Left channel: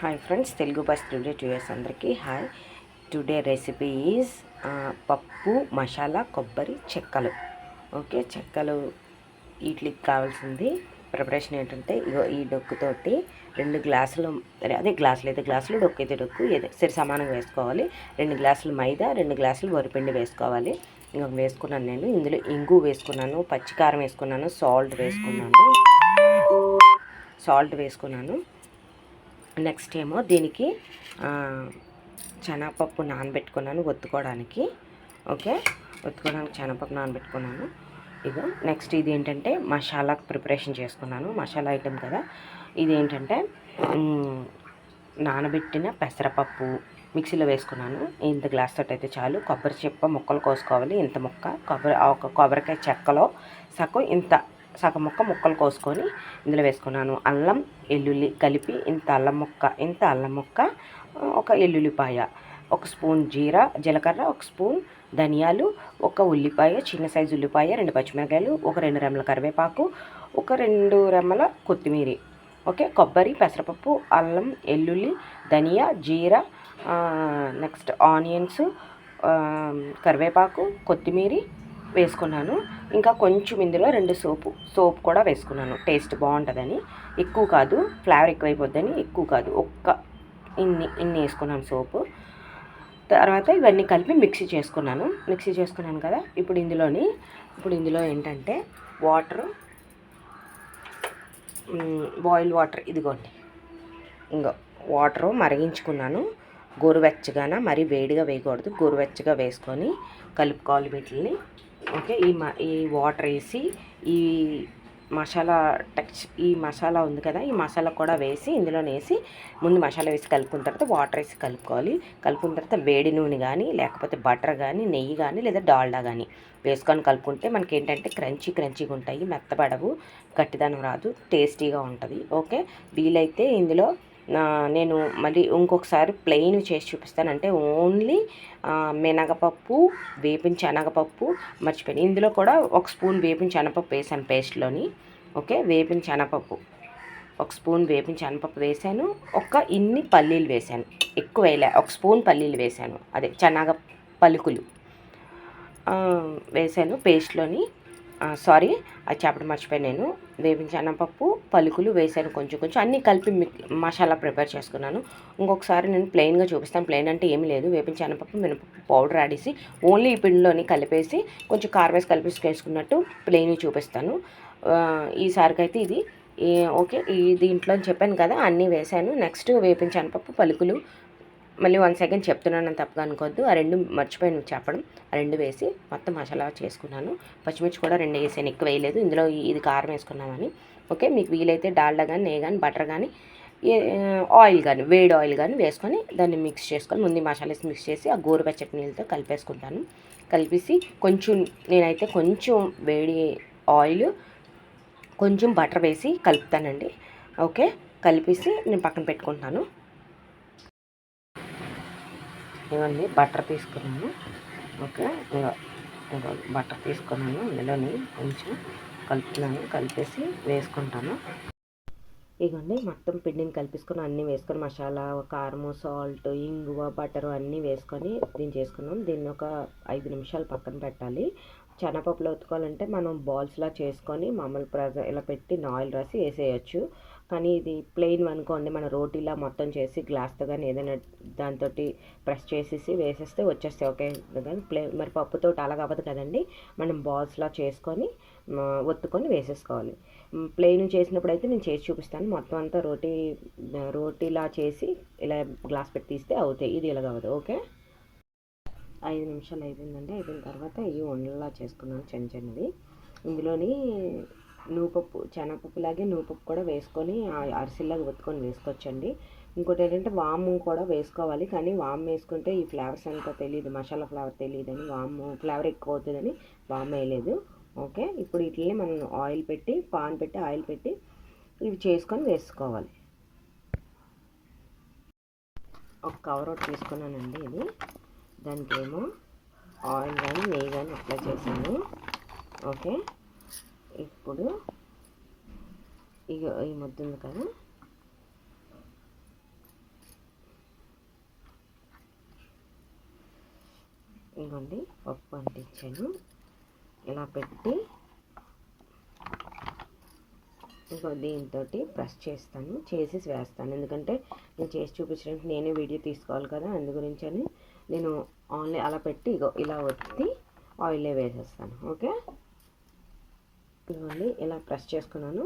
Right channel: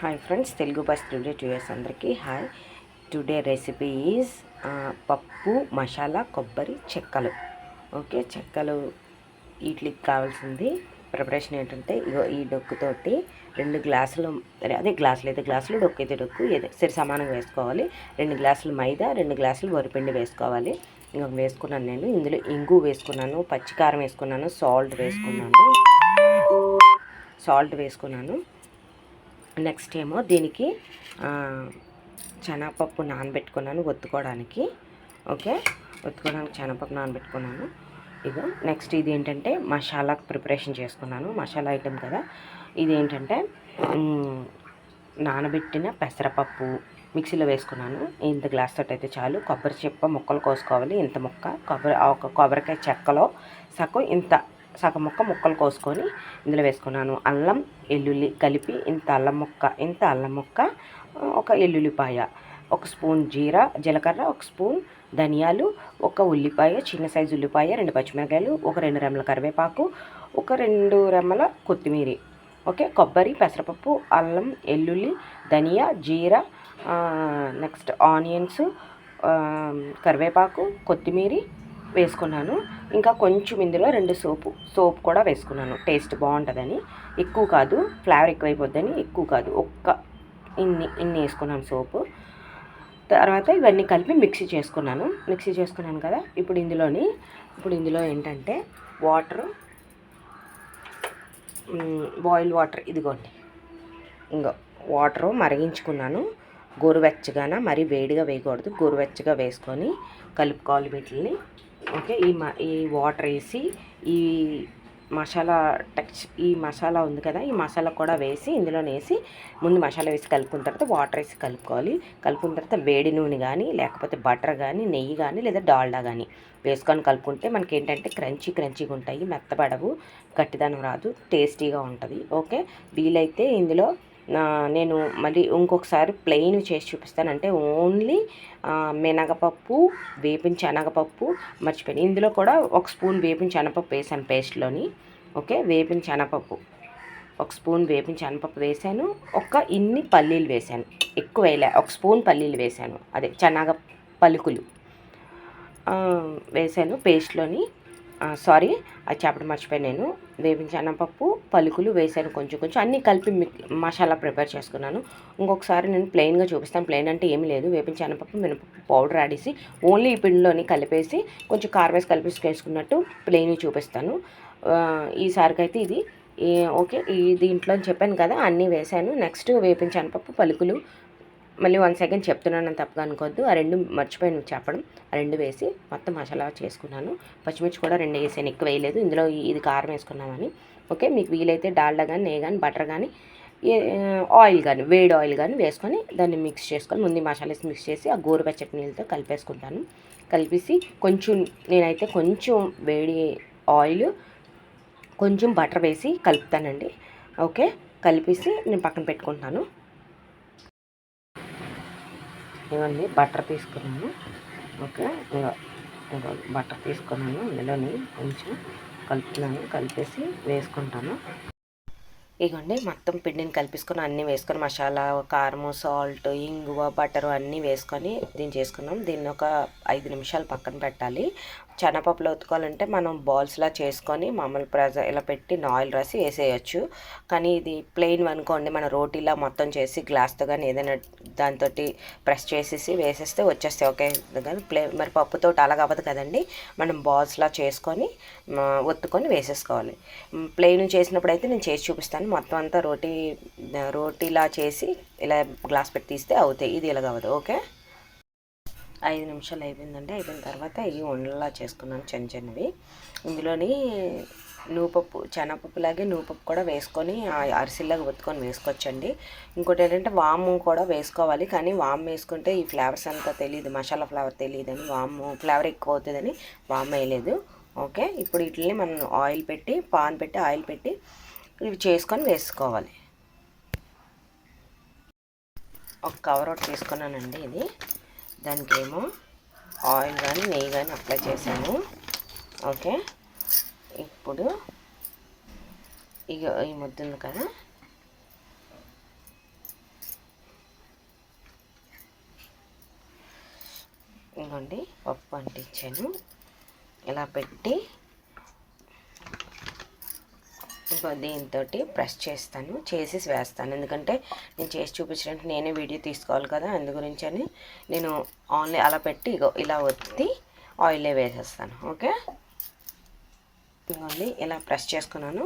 Hi friends, Telugu bus today tours అందరికీ hi. Today recipe is పప్పు మసాలా కొబ్బరి చెక్కలు. ఓకే, చెక్కలు వీటికి కావాల్సింది ప్రిపరేషన్ ఏంటంటే, ఇగో ఈ డొక్కుతోటి 2 గ్లాసులు, అదే గ్లాసులు అయితే గ్లాసులు, డొక్కు అయితే డొక్కు, ఏదో సరి సమానంగా వేసుకోవాలి. 2 గ్లాసులు మైదా, 2 గ్లాసులు వరిపిండి వేసుకోవాలి. ఇంకా వేసుకున్నాను నేను. ఇందులో ఇంగు వేసుకున్నాను, పచ్చికారం వేసుకున్నాను, సాల్ట్ వేసుకున్నాను. నెక్స్ట్ ఏమో దీనికి శనగపప్పు నానబెట్టుకున్నాను ఒత్తుకోవడానికి. ఓకే, ఒత్తుకోవడానికి శనగపప్పు నానబెట్టుకున్నాను. ఇక నెక్స్ట్ ఇది ఏంటంటే మసాలా ప్రిపరేషన్ చేసుకున్నాను. మసాలా ఐటెం కదా ఇది. ఏంటంటే నానబెట్టిన పెసరపప్పు మిక్సీలో వేసుకున్నాను. ఇంత గ్లాస్ తోటి అయితే చాలు. కొబ్బరి చిప్ప ముక్కలు కోసుకోవాలి. ఇంత ముక్క ఒక కొబ్బరికాయ చెక్కలో సగం ముక్కలు కోసుకొని ఇందులో వేసుకున్నాను. అల్లం ఎల్లుల్లి కలిపి ఇంత అల్లం ముక్క, ఒక ఎల్లుల్లిపాయ, 1 స్పూన్ జీలకర్ర, 1 స్పూన్ ధనియాలు, 1 ఉల్లిపాయ, చిన్న సైజు ఉల్లిపాయ, 2 పచ్చిమిరకాయలు, ఒక 2 రెమ్మల కరివేపాకు, ఒక 2 రెమ్మల కొత్తిమీర. ఓకే, కొబ్బరి, పెసరపప్పు, అల్లం, ఎల్లుల్లి, ధనియా, జీరా, నెక్స్ట్ ఆనియన్స్, కరివేపాకు, కొత్తిమీర వేసుకున్నాను. ఇంకా కొంచెం ఇందులో 2 సోపు కూడా వేసుకున్నాను, టేస్ట్ బాగుంటుందని. ఎక్కువ కాదు, ఫ్లేవర్ ఎక్కువైపోద్దని ఎక్కువ కాదు, ఇన్ని వేసుకున్నాను సోపు. తర్వాత ఇవన్నీ కలిపి మిక్సీ చేసుకున్నాను కదా. ఇప్పుడు ఇందులో ఏంటంటే బాయిల్ వాటర్, ఇదిగోండి. వాటరు మరిగించుకున్నాను. గోరువెచ్చగాన, మరీ వేడిగా వేయకూడదు, గోరువెచ్చగా వేసుకొని కలుపుకోవాలి వీటిని. ఓకే, ఈ వాటర్ వేసి ఈ మసాలా ఉంది కదా, ఈ మసాలా కూడా వేసి ఇందులోనే వేసి ముందు మసాలా వేసి కలుపుకున్న తర్వాత వాటర్ వేసి కలుపుకోవాలి. కలుపుకున్న తర్వాత వేడి నూనె కానీ, లేకపోతే బటర్ కానీ, నెయ్యి కానీ, లేదా డాల్డా కానీ వేసుకొని కలుపుకుంటే మనకి ఏంటంటే క్రంచీగా ఉంటాయి, మెత్తబడవు, గట్టిదనం రాదు, టేస్టీగా ఉంటుంది. ఓకే, వీలైతే ఇందులో నేను మళ్ళీ ఇంకొకసారి ప్లెయిన్ చేసి చూపిస్తాను. అంటే ఓన్లీ మినగపప్పు, వేపిన శనగపప్పు మర్చిపోయాను. ఇందులో కూడా 1 స్పూన్ వేపిన శనగపప్పు వేసాను పేస్ట్లోని. ఓకే, వేపిన శనగపప్పు 1 స్పూన్ వేపిన శనగపప్పు వేసాను. ఇన్ని పల్లీలు వేసాను, ఎక్కువ వేయలే. 1 స్పూన్ పల్లీలు వేసాను, అదే శనగ పలుకులు వేసాను పేస్ట్లోని. సారీ, అది చెప్పడం మర్చిపోయాను. నేను వేపించిన శనగపప్పు, పలుకులు వేసాను, కొంచెం అన్నీ కలిపి మసాలా ప్రిపేర్ చేసుకున్నాను. ఇంకొకసారి నేను ప్లెయిన్గా చూపిస్తాను. ప్లెయిన్ అంటే ఏమి లేదు, వేపించిన శనగపప్పు, మినపప్పు పౌడర్ ఆడేసి ఓన్లీ ఈ పిండిలోని కలిపేసి కొంచెం కారం వేసి కలిపేసి వేసుకున్నట్టు ప్లెయిన్ చూపిస్తాను. ఈసారికి అయితే ఇది ఓకే. దీంట్లో చెప్పాను కదా, అన్నీ వేసాను. నెక్స్ట్ వేపించిన శనగపప్పు, పలుకులు, మళ్ళీ 1 సెకండ్ చెప్తున్నాను, తప్పుగా అనుకోవద్దు. ఆ 2 మర్చిపోయాను చెప్పడం. ఆ 2 వేసి మొత్తం మసాలా చేసుకున్నాను. పచ్చిమిర్చి కూడా 2 వేసాను, ఎక్కువ వేయలేదు. ఇందులో ఇది కారం వేసుకున్నామని. ఓకే, మీకు వీలైతే డాల్డా కానీ, నెయ్యి కానీ, బటర్ కానీ, ఆయిల్ కానీ, వేడి ఆయిల్ కానీ వేసుకొని దాన్ని మిక్స్ చేసుకొని ముందు మసాలా మిక్స్ చేసి ఆ గోరువెచ్చటి నీళ్ళతో కలిపేసుకుంటాను. కలిపేసి నేనైతే కొంచెం వేడి ఆయిల్, కొంచెం బటర్ వేసి కలుపుతానండి. ఓకే, కలిపేసి నేను పక్కన పెట్టుకుంటాను. ఇవన్నీ బటర్ తీసుకున్నాను. ఓకే, బటర్ తీసుకున్నాను. ఇందులోని కొంచెం కలుపుతున్నాను, కలిపేసి వేసుకుంటాను. ఇగోండి, మొత్తం పిండిని కలిపేసుకొని అన్నీ వేసుకొని మసాలా, కారము, సాల్ట్, ఇంగువ, బటరు అన్నీ వేసుకొని దీన్ని చేసుకున్నాం. దీన్ని ఒక 5 నిమిషాలు పక్కన పెట్టాలి. శనగపప్పులో ఉతుకోవాలంటే మనం బాల్స్లా చేసుకొని మామూలు ఇలా పెట్టి ఆయిల్ రాసి వేసేయచ్చు. కానీ ఇది ప్లెయిన్ అనుకోండి, మన రోటీలా మొత్తం చేసి గ్లాస్తో కానీ ఏదైనా దాంతో ప్రెస్ చేసేసి వేసేస్తే వచ్చేస్తాయి. ఓకే, కానీ మరి పప్పుతో అలాగ అవ్వదు కదండి. మనం బాల్స్లా చేసుకొని ఒత్తుకొని వేసేసుకోవాలి. ప్లెయిన్ చేసినప్పుడు అయితే నేను చేసి చూపిస్తాను. మొత్తం అంతా రోటీలా చేసి ఇలా గ్లాస్ పెట్టి తీస్తే అవుతాయి. ఇది ఇలాగ అవ్వదు. ఓకే, 5 నిమిషాలు అయిపోయిందండి. అయిపోయిన తర్వాత ఇవి ఉండలా చేసుకున్నాను, చిన్నవి. ఇందులోని శనగపప్పులాగే నువ్వుపప్పు కూడా వేసుకొని అరిసెల్లాగా ఒత్తుకొని వేసుకోవచ్చండి. ఇంకోటి ఏంటంటే వాము కూడా వేసుకోవాలి. కానీ వాము వేసుకుంటే ఈ ఫ్లేవర్స్ అంతా తెలియదు, మసాలా ఫ్లేవర్ తెలియదని, వాము ఫ్లేవర్ ఎక్కువ అవుతుందని వాము వేయలేదు. ఓకే, ఇప్పుడు వీటిని మనం పాన్ పెట్టి ఆయిల్ పెట్టి ఇవి చేసుకొని వేసుకోవాలి. ఒక కవర్ ఒకటి తీసుకున్నానండి. ఇది దానికి ఏమో ఆయిల్ కానీ, నెయ్యి కానీ అప్లై చేశాను. ఓకే, ఇప్పుడు ఈ ముద్ద ఉంది కదా, ఇదిగోండి పప్పు అంటించాను. ఇలా పెట్టి ఇంకో దీంతో ప్రెస్ చేస్తాను, చేసి వేస్తాను. ఎందుకంటే నేను చేసి చూపించడానికి నేనే వీడియో తీసుకోవాలి కదా, అందు గురించి అని నేను ఆన్లైన్ అలా పెట్టి ఇగో ఇలా ఒత్తి ఆయిలే వేసేస్తాను. ఓకే, ఇదిగోండి ఇలా ప్రెస్ చేసుకున్నాను.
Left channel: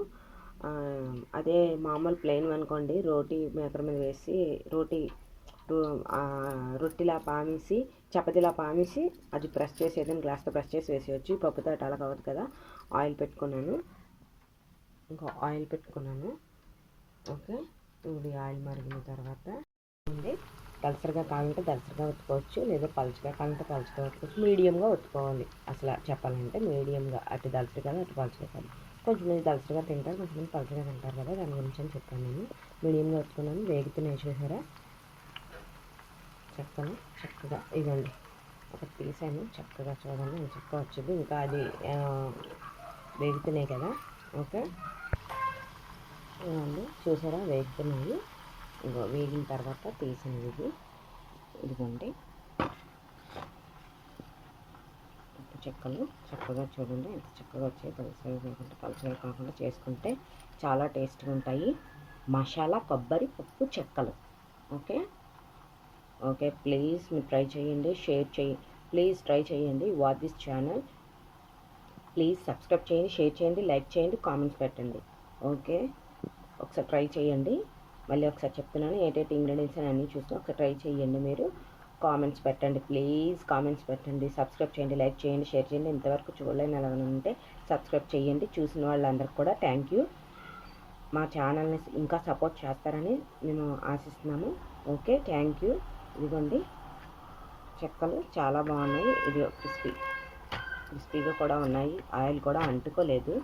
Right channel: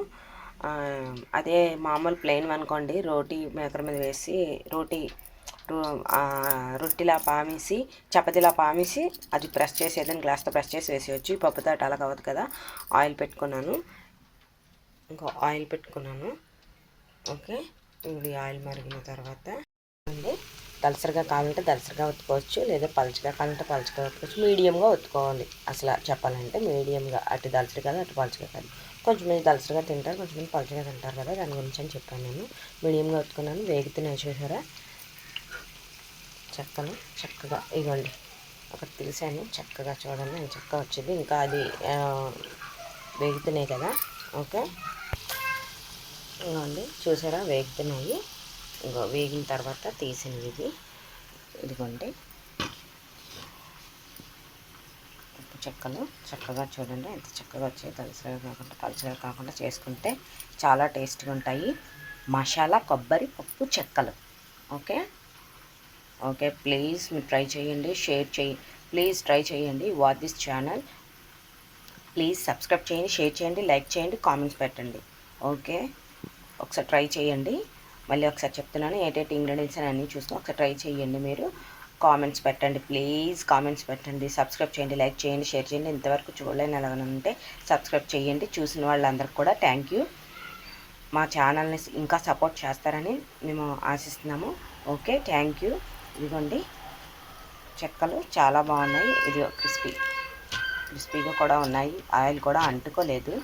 అదే మామూలు ప్లెయిన్ అనుకోండి, రోటీ మేకర్ మీద వేసి రొట్టిలా పామేసి చపాతీలా పామేసి అది ప్రెస్ చేసేదని గ్లాస్తో ప్రెస్ చేసి వేసేయచ్చు. పప్పుతో అలా కావద్దు కదా. ఆయిల్ పెట్టుకున్నాను, ఇంకో ఆయిల్ పెట్టుకున్నాను. ఓకే, ఇది ఆయిల్ మరిగిన తర్వాత అండి దలసరిగా కావాలంటే దలసరిగా ఒత్తుకోవచ్చు, లేదా పలుచగా కావాలంటే పలుచగా ఒత్తుకోవచ్చు. మీడియంగా ఒత్తుకోవాలి అసలు చెప్పాలంటే, మీడియంగా, అటు దలసరి కాదు అటు పలుచగా కాదు. కొంచెంమంది దలసరిగా తింటారు, కొంచెంమంది పలుచగా తింటారు కదా, దాని గురించి అని చెప్పాను. నేను మీడియంగా ఒత్తుకున్నాను. వేగుతున్నాయి చూసారా చెక్కలు చక్కగా. ఇవ్వండి ఒకటి తెలిసాను చక్కగా, చూడండి అని చక్కగా వచ్చింది. ఇంకా అది వేగుతున్నాయి కదా. ఓకే, ఇవ్వండి చూసారా వేగుతున్నాయి. ఇంకో వేగిన తర్వాత తీసినవి ఇదిగోండి పప్పు చెక్కలు. చక్కగా చూడండి ఎంత చక్కగా వచ్చాయి. దలసరిగా కాకుండా పలుచగా కాకుండా చేసుకుంటే చాలా టేస్ట్గా ఉంటాయి. మసాలా కొబ్బరి పప్పు చెక్కలు. ఓకే ఓకే, ప్లీజ్ మీరు ట్రై చేయండి, షేర్ చేయండి. ప్లీజ్ ట్రై చేయండి. Watch this channel. Please subscribe చేయండి, షేర్ చేయండి, లైక్ చేయండి, కామెంట్స్ పెట్టండి. ఓకే, ఒకసారి ట్రై చేయండి. మళ్ళీ ఒకసారి చెప్తున్నాను, ఏటేటి ఇంగ్రీడియంట్స్ అని అన్నీ చూసుకొని ఒకసారి ట్రై చేయండి. మీరు కామెంట్స్ పెట్టండి, ప్లీజ్ కామెంట్స్ పెట్టండి. సబ్స్క్రైబ్ చేయండి, లైక్ చేయండి, షేర్ చేయండి. ఇంతవరకు చూడలేని అలాగనే ఉంటే సబ్స్క్రైబ్ చేయండి. చూసిన వాళ్ళందరికీ కూడా థ్యాంక్ యూ. మా ఛానల్ని ఇంకా సపోర్ట్ చేస్తారని మేము ఆశిస్తున్నాము. Okay, thank you. ఇదిగోండి చెక్కలు చాలా బాగున్నాయి. ఇది క్రిస్పీగా కూడా ఉన్నాయి. ఆయిల్ కూడా అంటుకోలేదు,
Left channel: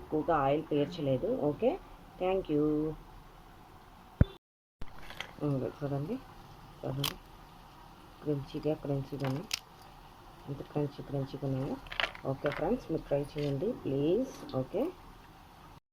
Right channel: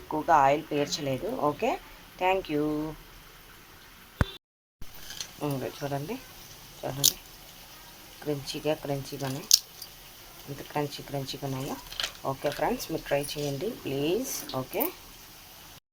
ఎక్కువగా ఆయిల్ పీల్చలేదు. Okay, thank you. చూడండి క్రంచీగానే ఎంత క్రంచీగా ఉన్నాయో. ఓకే ఫ్రెండ్స్, మీరు ట్రై చేయండి ప్లీజ్. ఓకే.